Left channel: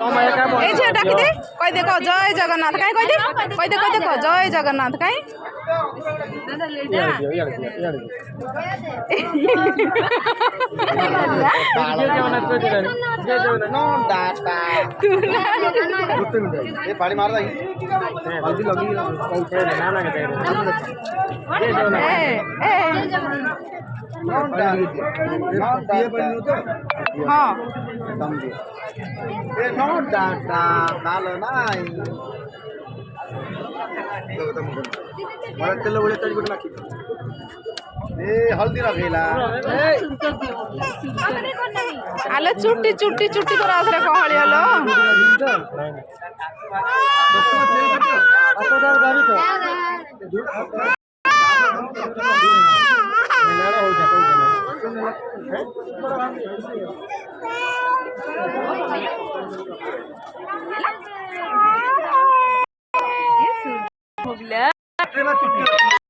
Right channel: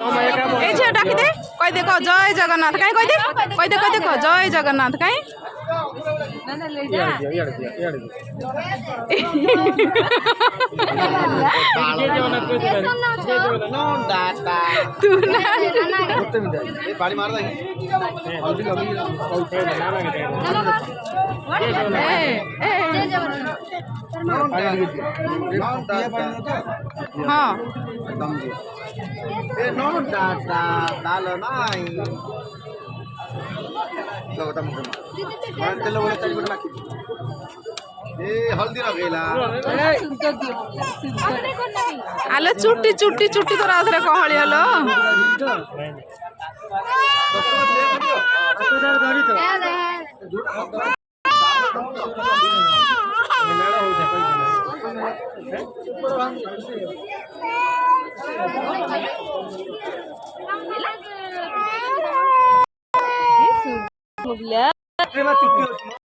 এই যে ডাকি দে কই দেখো জয় জগন্নাথ কাই কই দে কই দেখো জয় জগন্নাথ কাই हाँ हल्दी लगेला आले चुट्टी चुट्टी चुट्टी तो राधरे कहली हलो हो गया